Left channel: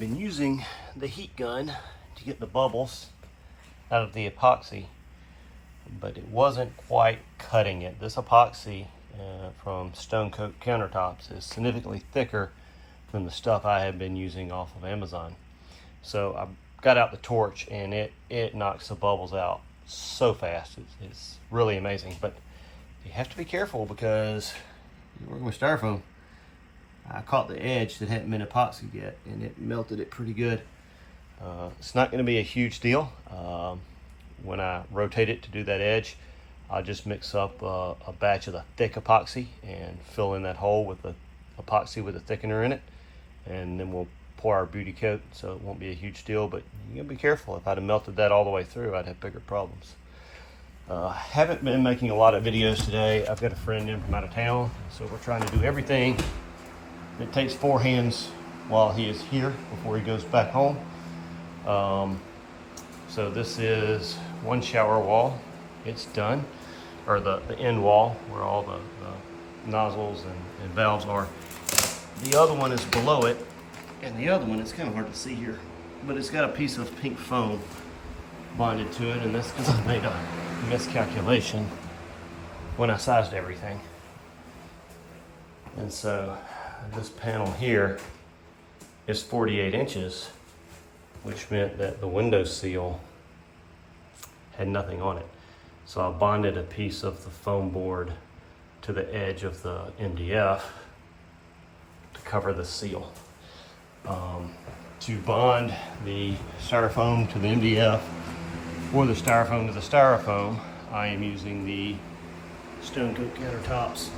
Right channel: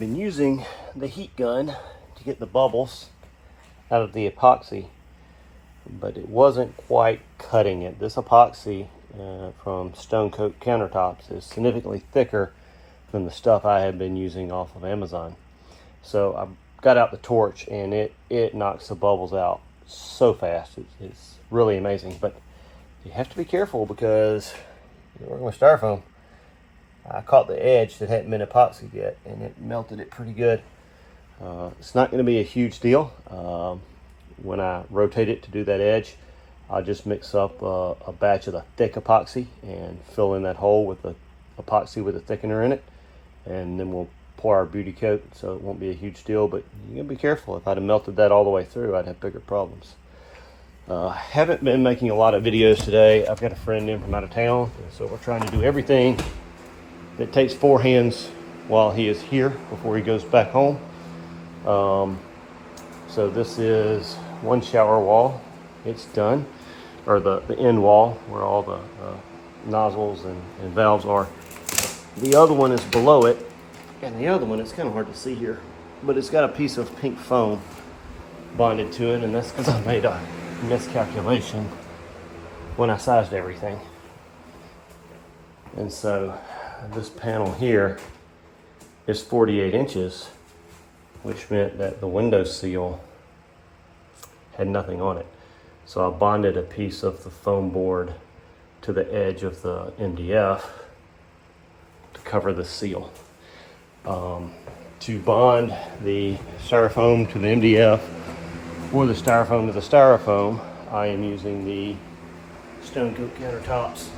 had been using the heat gun to get the bubbles out of the epoxy, but it wasn't quite cutting it. This epoxy from Stone Coat Countertops is significantly thicker than the stuff I had been using off of Amazon. So I got out the torch and it knocks the bubbles out so fast. It's really amazing, but you have to be careful because you're working with styrofoam. I caught the edge that hadn't been epoxied yet and it melted it pretty good. It's not going to be a huge deal. When I rotate it to do that edge, I'll just mix up a batch of the thick epoxy and fill in that hole with the epoxy with a thickener in it, and then we'll pour our beauty coat, so it won't be a huge deal. But you gotta be careful. If I'd have melted that all the way through, I'd have bigger problems. Haven't been making a lot of videos today. I've got a friend in from out of town, so we're trying to do everything that takes 4 hands while he is here before he goes back home. So this is one shower wall. It's done, or the end wall where all the nozzles and valves are. The other one is below it, and the other one, it's kind of hard to see here, but it's got a piece of pink foam bonded to it, and that's because I made a miscalculation when I sized everything. And so this panel here is 48 inches, which meant that the window seal had nothing on it. So I bonded a piece of the foam board to the edge of the MDF to cover the seal. To bond the styrofoam to the MDF or the styrofoam to the styrofoam, I am using the Stone Coat Countertops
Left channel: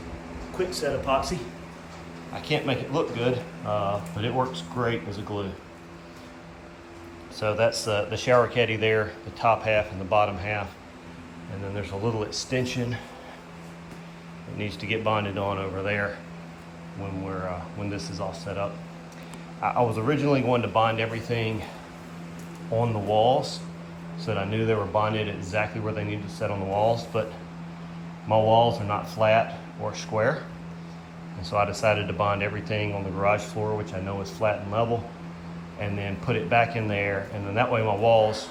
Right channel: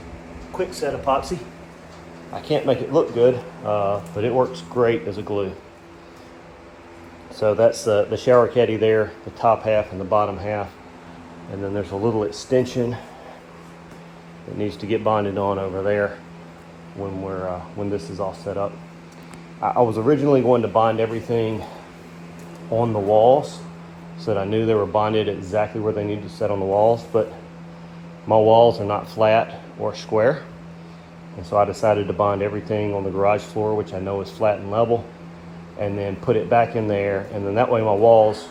quick set epoxy. I can't make it look good, but it works great as a glue. So that's the shower caddy there, the top half and the bottom half. And then there's a little extension that needs to get bonded on over there when this is all set up. I was originally going to bond everything on the walls so that I knew they were bonded exactly where they needed to set on the walls, but my walls are not flat or square. And so I decided to bond everything on the garage floor, which I know is flat and level, and then put it back in there. And then that way my walls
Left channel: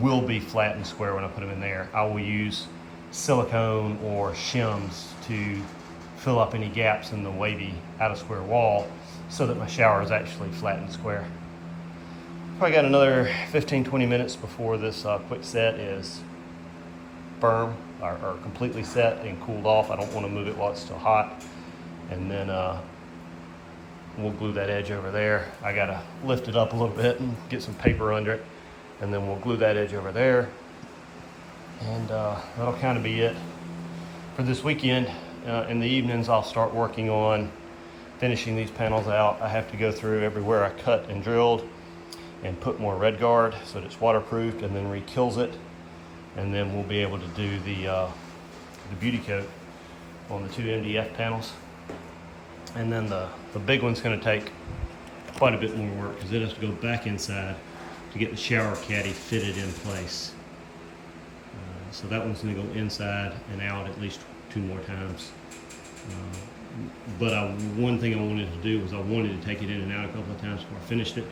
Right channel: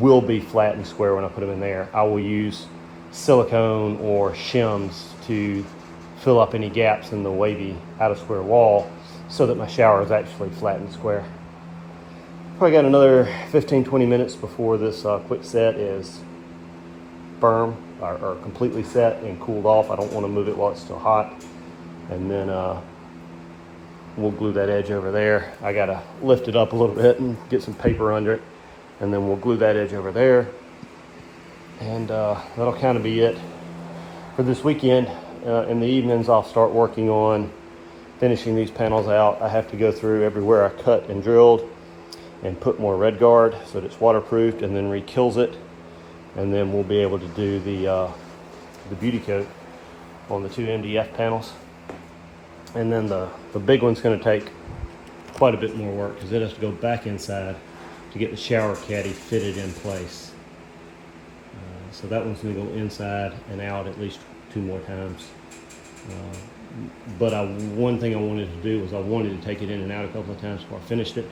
will be flat and square when I put them in there. I will use silicone or shims to fill up any gaps in the wavy out of square wall so that my shower is actually flat and square. Probably got another 15-20 minutes before this quick set is firm or completely set and cooled off. I don't want to move it while it's still hot. And then we'll glue that edge over there. I gotta lift it up a little bit and get some paper under it, and then we'll glue that edge over there. And that'll kind of be it for this weekend. In the evenings, I'll start working on finishing these panels out. I have to go through everywhere I cut and drilled and put more red guard so that it's waterproofed, and then re-kills it. And then we'll be able to do the beauty coat on the 2 MDF panels. And then the big one's going to take quite a bit more work because it has to go back inside to get the shower caddy fitted in place. So that one's going to go inside and out at least 2 more times. But one thing I wanted to do was I wanted to take it in and out a couple of times before I finished it.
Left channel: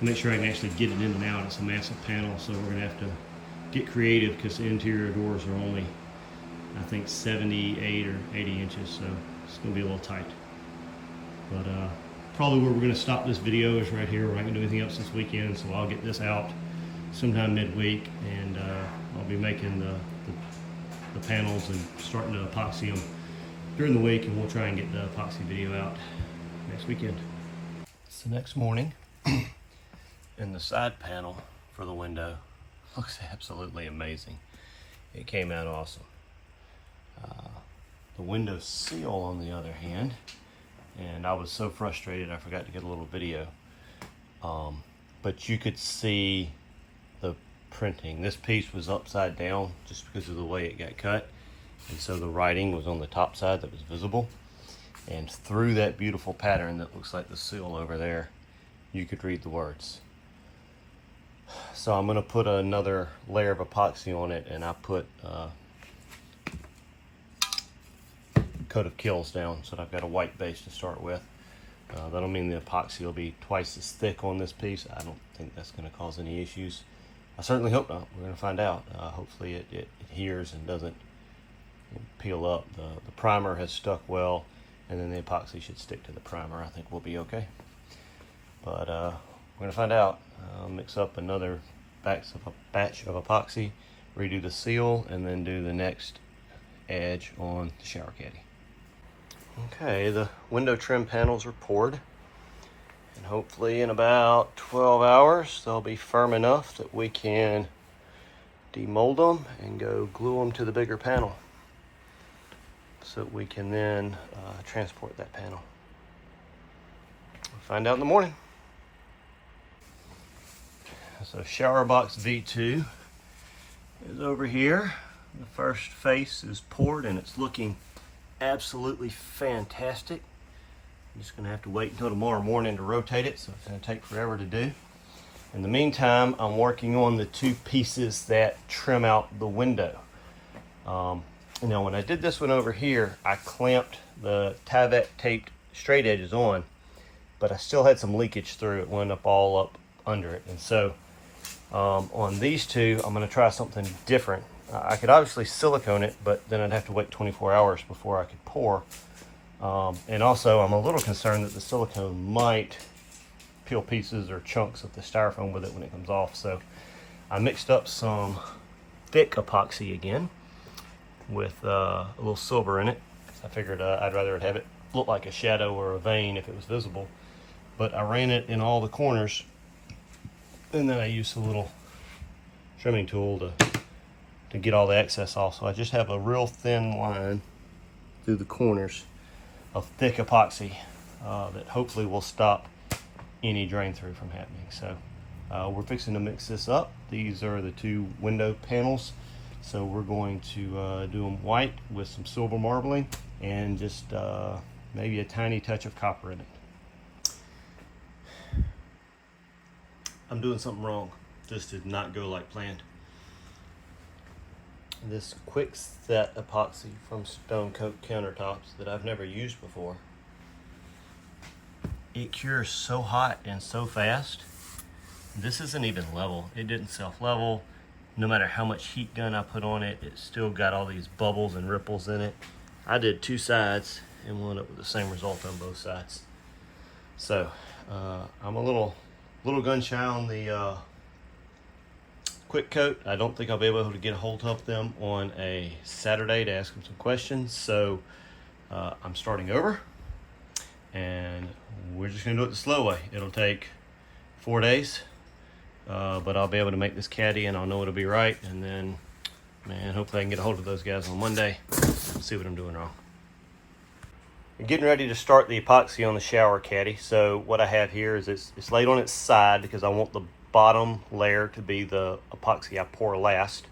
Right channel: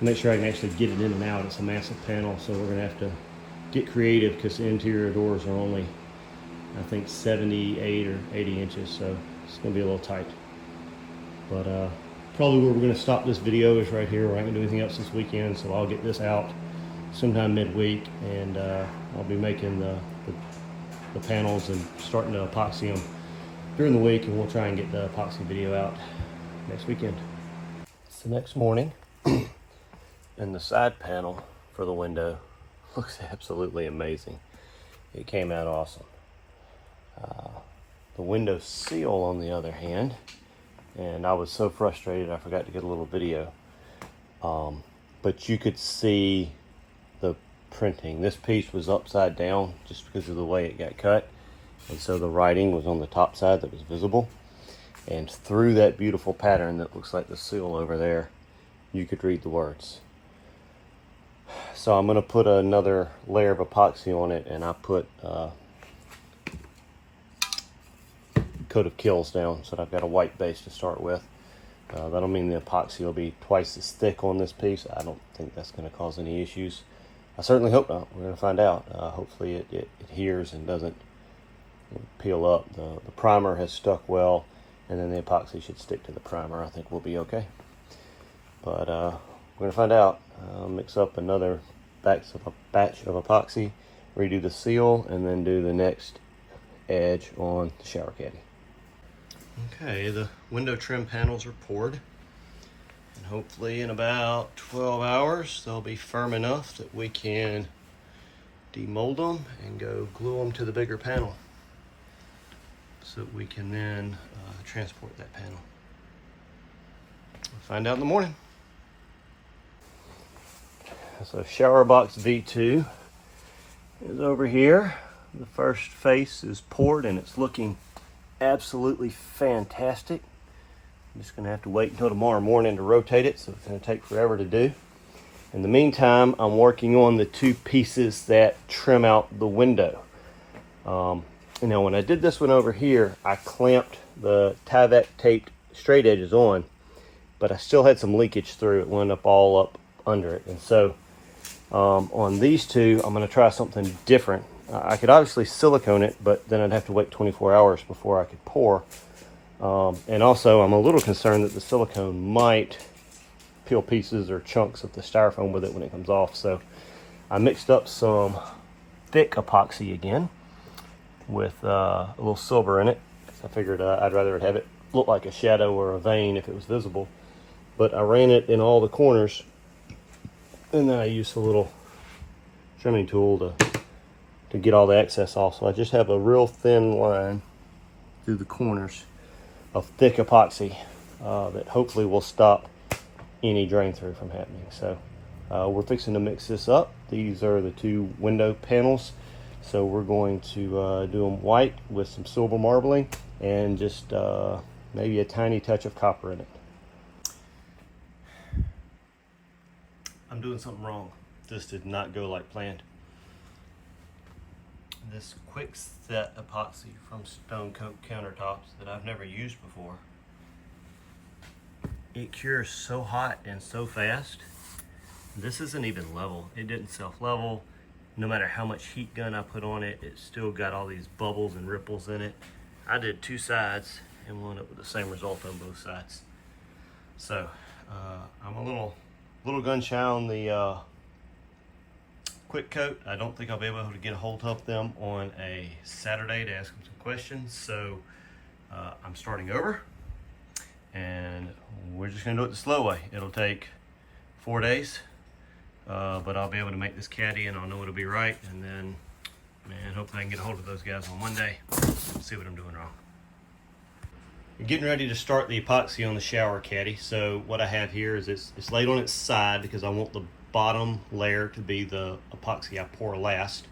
Make sure I can actually get it in and out. It's a massive panel, so we're going to have to get creative because the interior doors are only, I think, 78 or 80 inches, so it's going to be a little tight. But probably where we're going to stop this video is right here. We're not going to do anything else this weekend, so I'll get this out sometime midweek, and I'll be making the panels and starting to epoxy them during the week, and we'll try and get the epoxy video out next weekend. It's the next morning, and the side panel for the window looks absolutely amazing. It came out awesome. The window seal, on the other hand, and I was so frustrated I forgot to get a little video, but you could see the printing. This piece was upside down just because of the way it got cut, and so the writing was on the top side that was visible, and through that beautiful pattern that looks like the seal over there, you could read the words. So I'm going to put another layer of epoxy on it, and I put coat of kills down so that I've got a white base to start with. That'll mean the epoxy will be twice as thick on this piece. I don't think that's going to cause any issues. I certainly hope not. We're going to find out. Hopefully it adheres and doesn't peel up. The primer has stuck well, and then the epoxy should stick to the primer. I think we'll be okay. But we're going to find out. Mix up another batch of epoxy, redo the seal, and then do the next edge on the shower caddy. Okay, the window trim panels are poured, and hopefully in about 12 hours they'll be firm enough that we can demold them and go glue them to the bigger panel so that we can then transport that panel. We'll find out in the morning. So shower box V2 is over here. The first face is poured and it's looking absolutely fantastic. I'm just gonna have to wait until tomorrow morning to rotate it, so it's gonna take forever to do. In the meantime, I'm working on the two pieces that trim out the window. You know, when I did this one over here, I clamped the Tyvek taped straight edges on, but I still had some leakage through. It wound up all up under it. And so on these two, I'm gonna try something different. I could obviously silicone it, but then I'd have to wait 24 hours before I could pour. And also, I'm a little concerned that the silicone might peel pieces or chunks of the styrofoam with it when it comes off. So I mixed up some thick epoxy again with a little silver in it. I figured I'd rather have it look like a shadow or a vein if it was visible. But I ran it in all the corners, and then I used a little trimming tool to get all the excess off. So I just have a real thin line through the corners of thick epoxy that hopefully will stop any drain through from happening. So we're fixing to mix this up. These are the two window panels. So we're going to do them white with some silver marbling and just maybe a tiny touch of copper in it. I'm doing something wrong. This did not go like planned. This quick set epoxy from Stone Coat Countertops that I've never used before, it cures so hot and so fast. This isn't even level. It didn't self-level. No matter how much heat gun I put on it, it still got all these bubbles and ripples in it. I did two sides and wound up with the same result on both sides. So I'm a little gun shy on the quick coat. I don't think I'll be able to get a hold of them on a Saturday to ask them some questions. So I'm starting over, and we're just gonna do it the slow way. It'll take 4 days, but I'll be able to make this caddy and I'll know it'll be right. And then, man, hopefully I can get a hold of those guys on Monday, see what I'm doing wrong. I'm getting ready to start the epoxy on the shower caddy. So what I have here is it's laid on its side because I want the bottom layer to be the epoxy I pour last.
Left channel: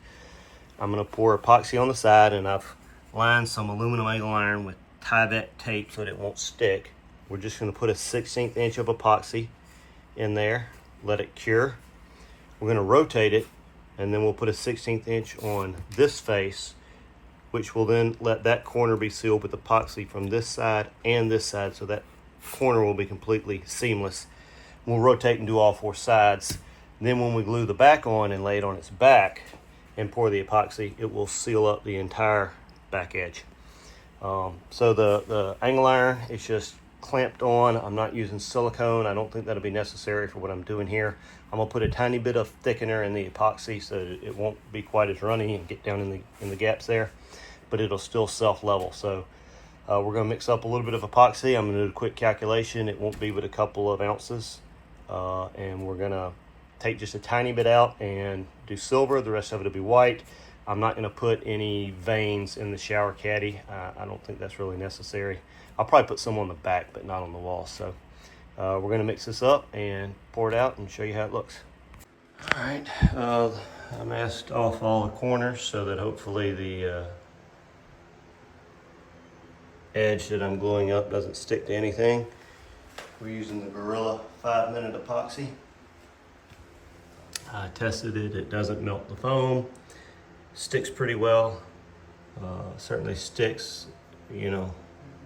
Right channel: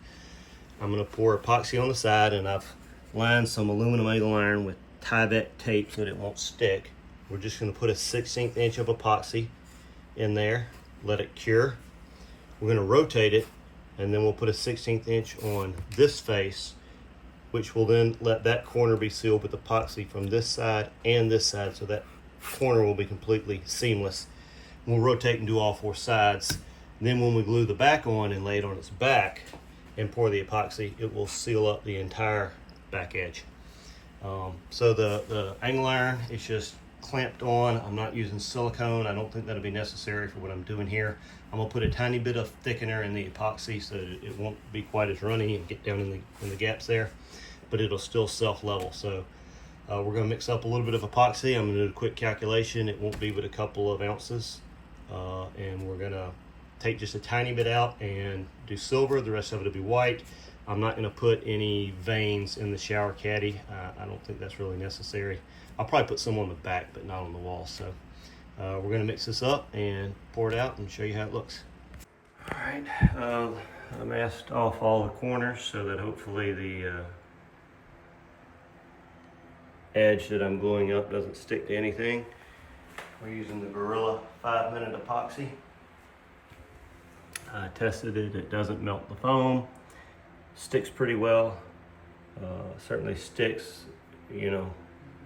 I'm going to pour epoxy on the side, and I've lined some aluminum angle iron with Tyvek tape so that it won't stick. We're just going to put a 1/16 inch of epoxy in there, let it cure. We're going to rotate it, and then we'll put a 1/16 inch on this face, which will then let that corner be sealed with epoxy from this side and this side, so that corner will be completely seamless. We'll rotate and do all four sides. Then when we glue the back on and lay it on its back and pour the epoxy, it will seal up the entire back edge. So the angle iron is just clamped on. I'm not using silicone. I don't think that'll be necessary for what I'm doing here. I'm gonna put a tiny bit of thickener in the epoxy so that it won't be quite as runny and get down in the gaps there, but it'll still self-level. So we're gonna mix up a little bit of epoxy. I'm gonna do a quick calculation. It won't be but a couple of ounces. And we're gonna take just a tiny bit out and do silver. The rest of it will be white. I'm not gonna put any veins in the shower caddy. I don't think that's really necessary. I'll probably put some on the back, but not on the wall. So we're gonna mix this up and pour it out and show you how it looks. All right, I masked off all the corners so that hopefully the edge that I'm gluing up doesn't stick to anything. We're using the Gorilla 5-minute epoxy. I tested it, it doesn't melt the foam. Sticks pretty well. Certainly sticks, you know,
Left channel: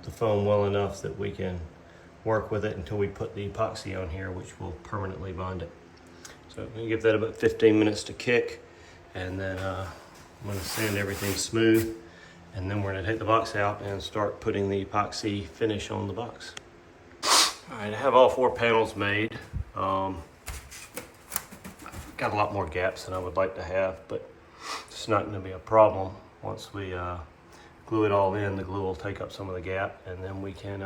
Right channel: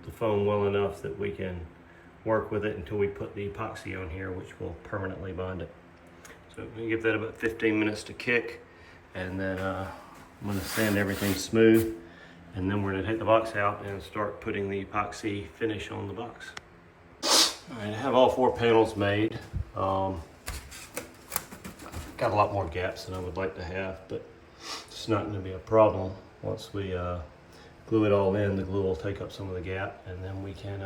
the foam well enough that we can work with it until we put the epoxy on here, which will permanently bond it. So we give that about 15 minutes to kick, and then I'm gonna sand everything smooth, and then we're gonna take the box out and start putting the epoxy finish on the box. All right, I have all 4 panels made. Got a lot more gaps than I would like to have, but it's not gonna be a problem. Once we glue it all in, the glue will take up some of the gap, and then we can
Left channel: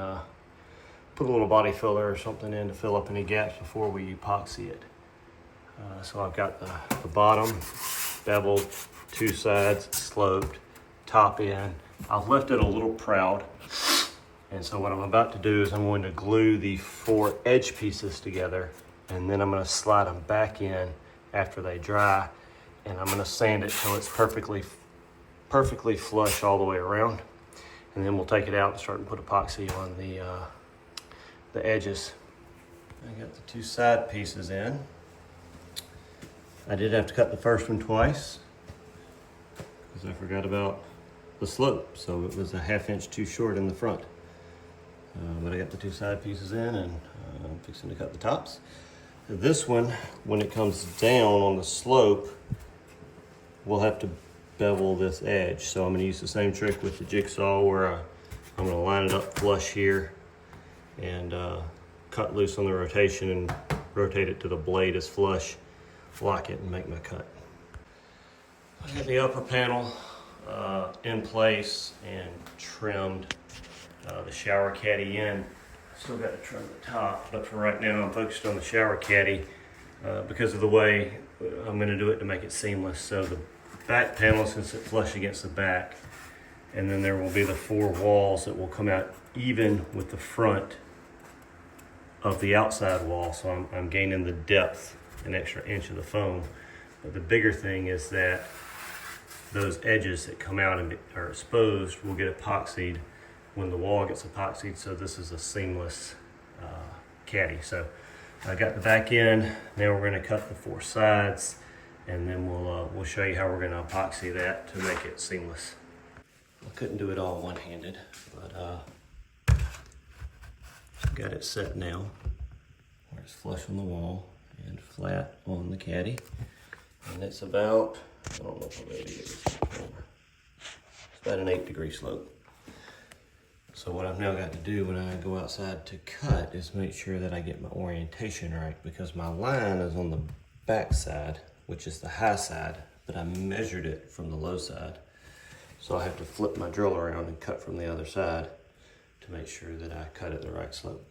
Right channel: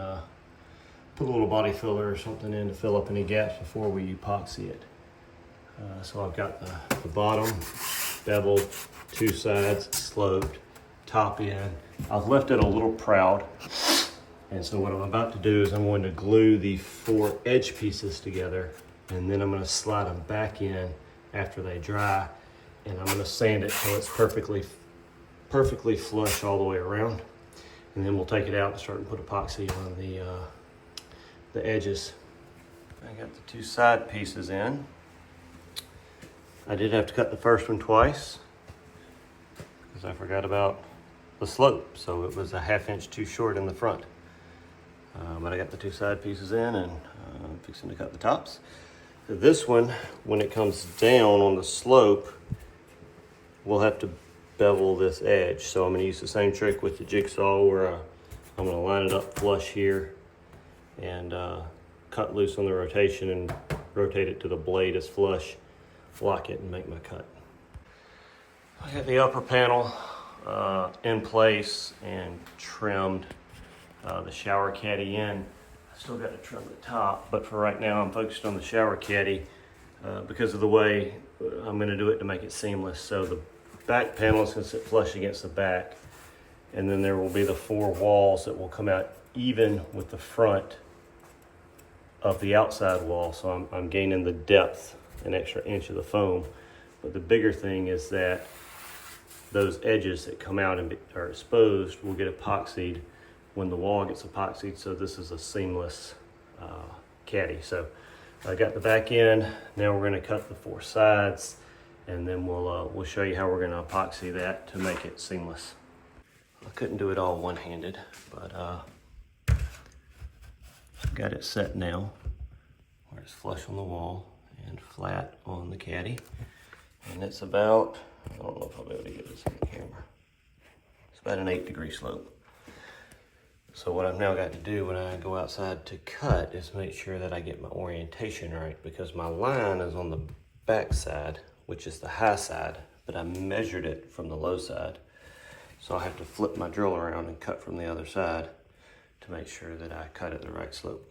put a little body filler or something in to fill up any gaps before we epoxy it. So I've got the bottom beveled, 2 sides sloped, top in. I've left it a little proud. And so what I'm about to do is I'm going to glue the 4 edge pieces together, and then I'm going to slide them back in after they dry, and I'm going to sand it till it's perfectly flush all the way around. And then we'll take it out and start to put epoxy on the edges. I got the 2 side pieces in. I did have to cut the first one twice because I forgot about the slope, so it was a 1/2 inch too short in the front. But I got the 2 side pieces in, and I'm fixing to cut the tops. This one, when it comes down on the slope, we'll have to bevel this edge. So I'm going to use the same trick with the jigsaw, where I'm going to line it up flush here and cut loose on the rotation and rotate it to the blade as flush, lock it, and make my cut. I got the upper panel in place and trimmed. The shower caddy in. Still got to trim the top, but for right now I'm focused on the shower caddy because of the way I'm going to do it to make it seamless. So the back panel is going to sit flush against the back, and then there will be the 4 walls that will come out even with the front of the outside wall. So I'm gaining the depth, an extra inch of the foam. But the bigger thing is that those edges that come out and are exposed will get epoxied when the wall gets epoxied. So this is a seamless caddy. So I got the back in. Now we're going to cut the 4 sides, and then we'll show you how we're going to epoxy that to make it seamless. I couldn't do it all one-handed, but got it set now where it's flush on the wall and flat on the caddy. And it's about, I don't know if I'll be able to get this on the camera. It's about an 8-degree slope. So what I've now got to do when I go outside to cut is make sure that I get my orientation right, because my line is on the back side, which is the high side, but I measured it from the low side. So I have to flip my drill around and cut from the other side to make sure that I cut at the right slope.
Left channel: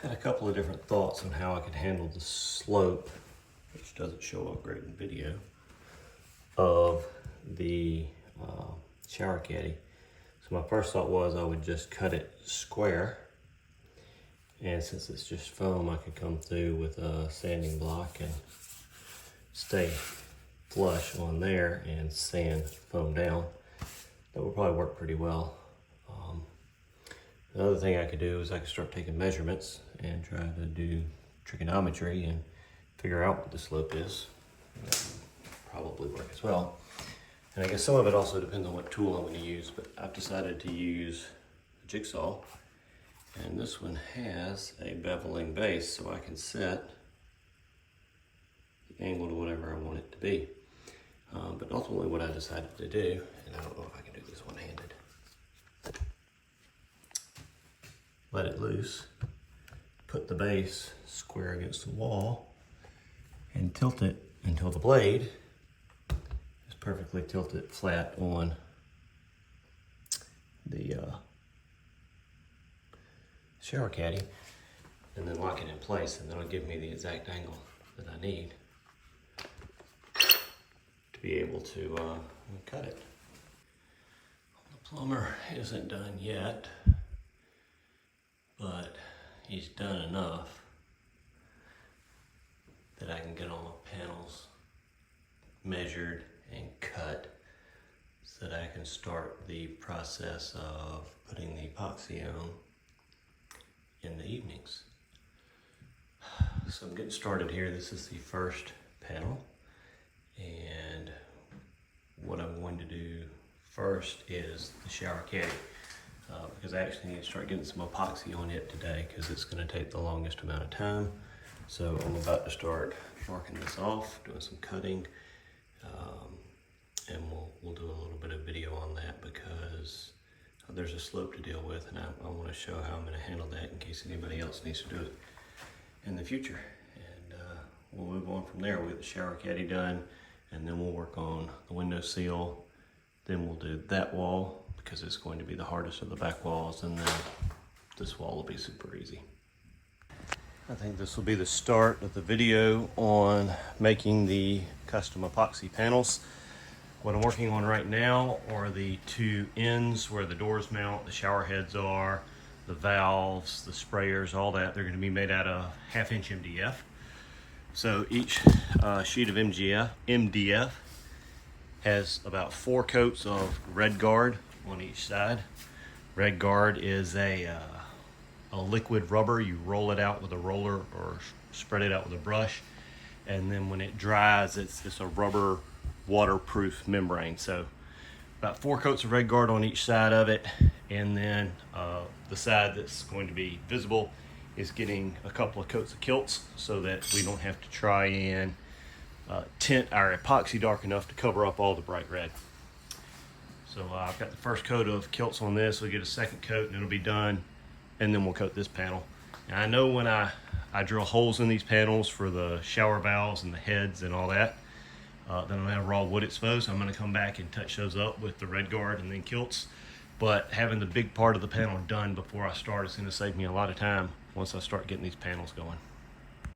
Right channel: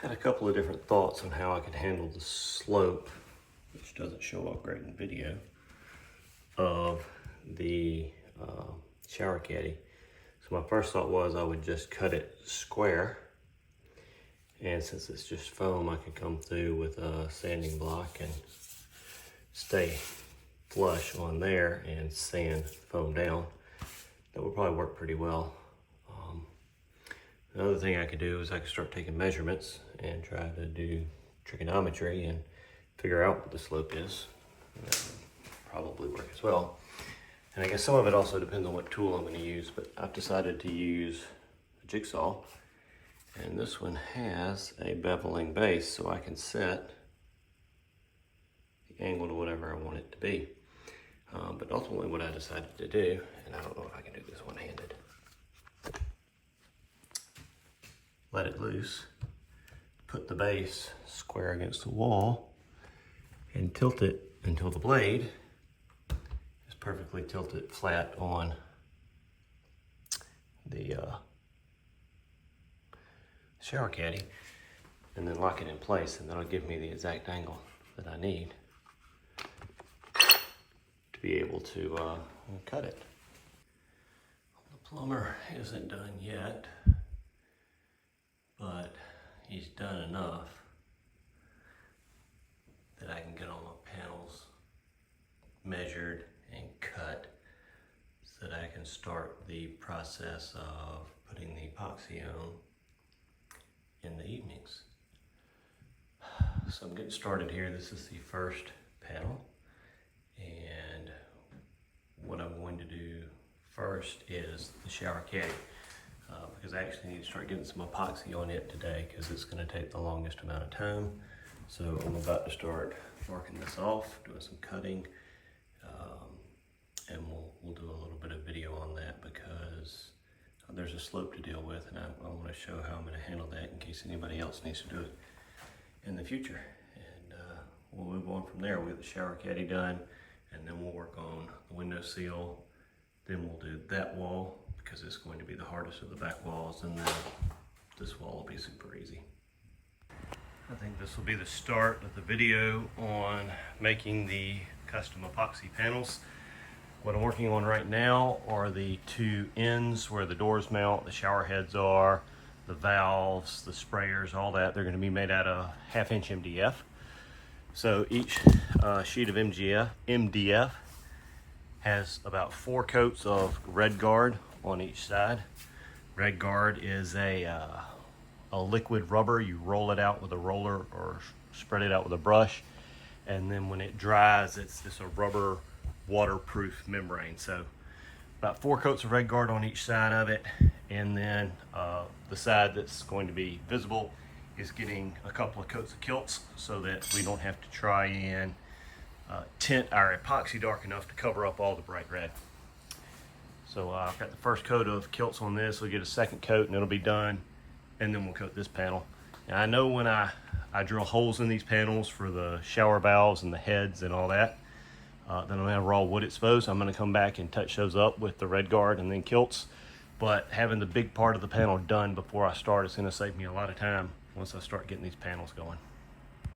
Had a couple of different thoughts on how I could handle the slope, which doesn't show up great in video, of the shower caddy. So my first thought was I would just cut it square, and since it's just foam, I could come through with a sanding block and stay flush on there and sand foam down. That would probably work pretty well. Another thing I could do is I could start taking measurements and try to do trigonometry and figure out what the slope is. That would probably work as well. And I guess some of it also depends on what tool I'm going to use, but I've decided to use a jigsaw. And this one has a beveling base, so I can set the angle to whatever I want it to be. But ultimately what I decided to do, and I don't know if I can do this one-handed, let it loose, put the base square against the wall, and tilt it until the blade is perfectly tilted flat on the shower caddy, and then lock it in place, and that'll give me the exact angle that I need to be able to cut it. The plumber isn't done yet, but he's done enough that I can get all my panels measured and cut so that I can start the process of putting the epoxy on in the evenings. So I'm getting started here. This is the first panel, and what I'm going to do first is the shower caddy. because I actually need to start getting some epoxy on it today because it's going to take the longest amount of time. So I'm about to start marking this off, doing some cutting, and we'll do a little bit of video on that because there's a slope to deal with, and I want to show how I'm going to handle that in case anybody else needs to do it in the future. And we'll move on from there. We'll get the shower caddy done, and then we'll work on the window seal. Then we'll do that wall because it's going to be the hardest of the back walls, and then this wall will be super easy. I think this will be the start of the video on making the custom epoxy panels. What I'm working on right now are the two ends where the doors mount, the shower heads are, the valves, the sprayers, all that. They're going to be made out of 1/2 inch MDF. So each sheet of MDF has about 4 coats of Red Guard on each side. Red Guard is a liquid rubber. You roll it out with a roller or spread it out with a brush, and then when it dries, it's a rubber waterproof membrane. So about 4 coats of Red Guard on each side of it, and then the side that's going to be visible is getting a couple of coats of kilts so that we don't have to try and tint our epoxy dark enough to cover up all the bright red. So I've got the first coat of kilts on this. We'll get a second coat and it'll be done, and then we'll coat this panel. And I know when I drill holes in these panels for the shower valves and the heads and all that, then I'm gonna have raw wood exposed. I'm gonna come back and touch those up with the Red Guard and then kilts. But having the big part of the panel done before I start is gonna save me a lot of time once I start getting these panels going.